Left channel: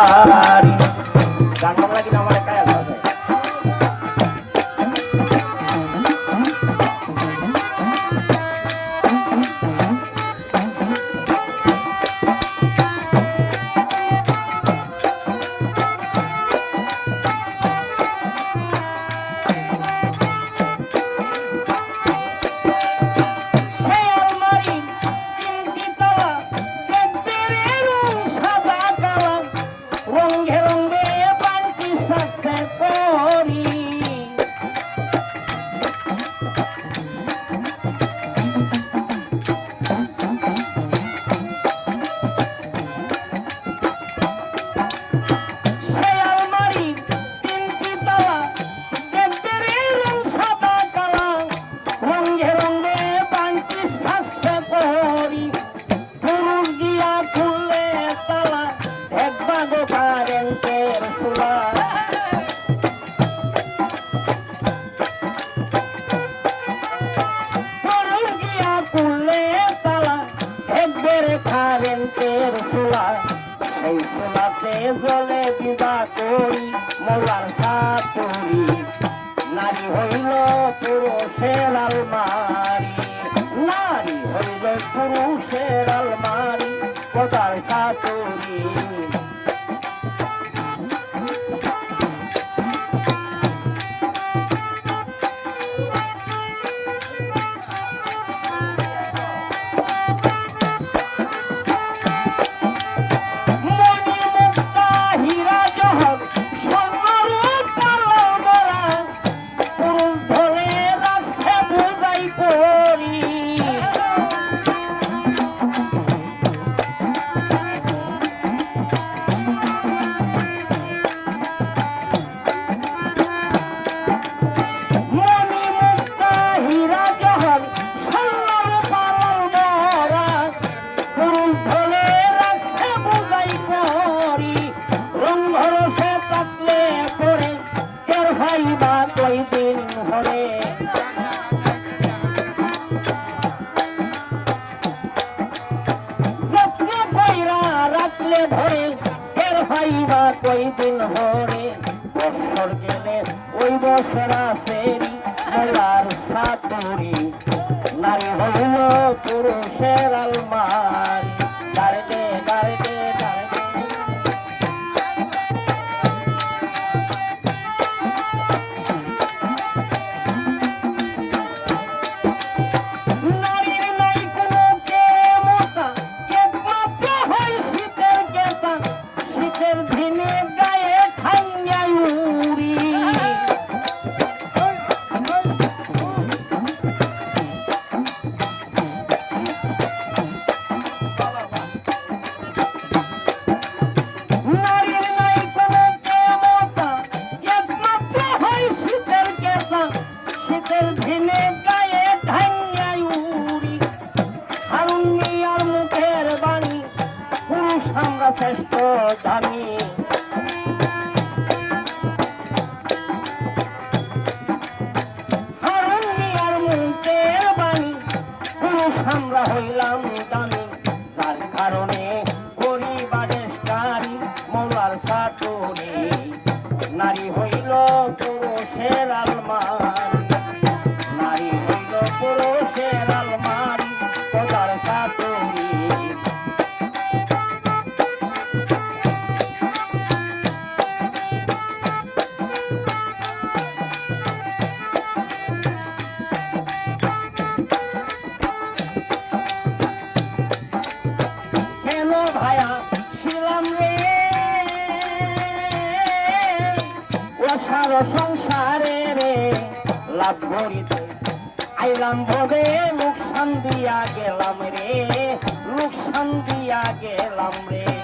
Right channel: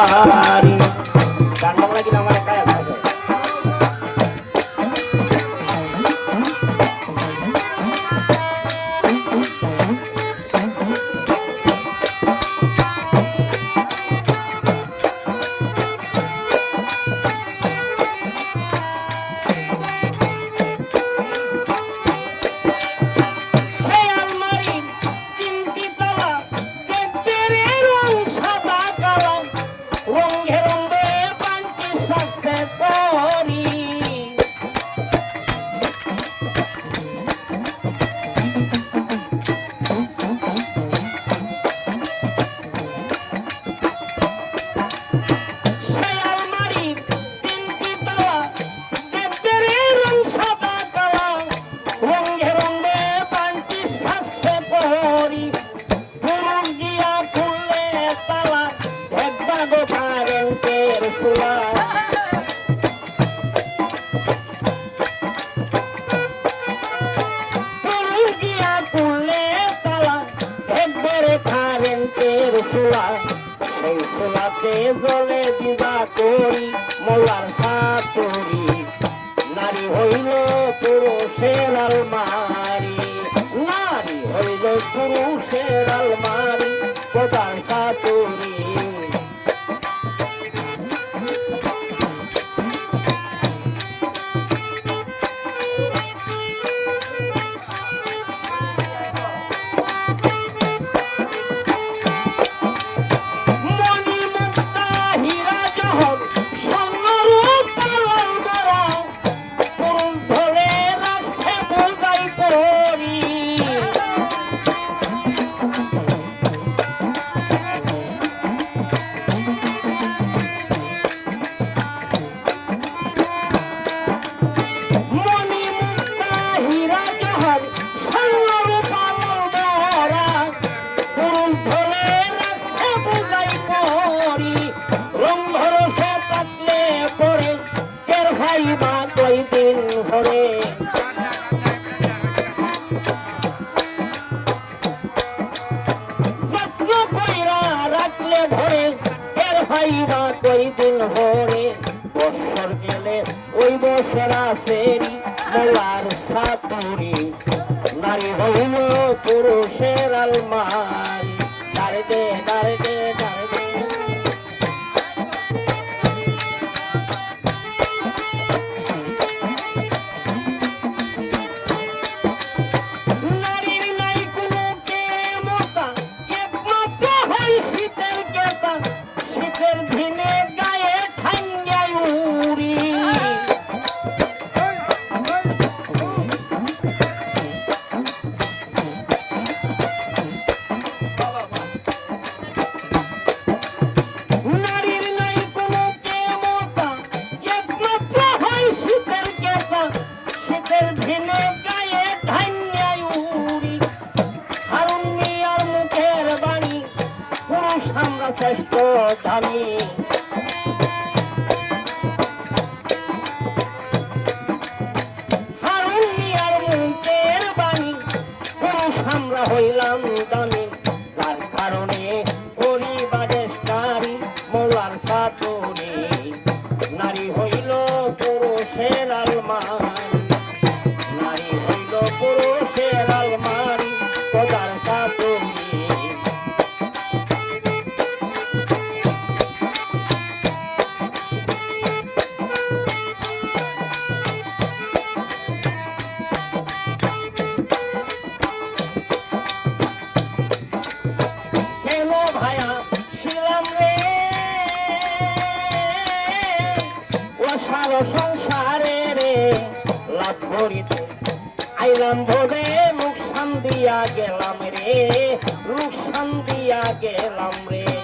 আলমারি গানটা লাগি না মানে কায়া আছে সেই সোলাতে জলে বিদা করি মৌলার সাতুরি নারী হইল পুরুষের আলমারি নারী হইল পুরুষের আলমারি কোদার সাতুরি বছর গেলে ওই বছর আসে মোলার সাতুরি নারী হইল পুরুষের আলমারি দাঁড়ে দাঁড়ে দাঁড়ে নারীর নাই কোনো কেমতা একমাত্র হয় শীতের কেতা শীতের দিনে গায়ে ঠান্ডায় উড়ি নারীর নাই কোনো কেমতা একমাত্র হয় শীতের কেতা শীতের দিনে গায়ে ঠান্ডায় উড়ি হারুন মিয়ার মুখের বাণী পুরুষ আমরা শ্রেষ্ঠ জানি আমরা হইলাম দামি যার কারণে পরিবারের মৌলার সাতুরি নারী হইল পুরুষের আলমারি নারী হইল পুরুষের আলমারি তোদার সাতুরি সংসারে রে লাভ করিতে আইলাম ভোরে লোকসান দিয়া গেলাম রে লোকসান দিয়া গেলাম রে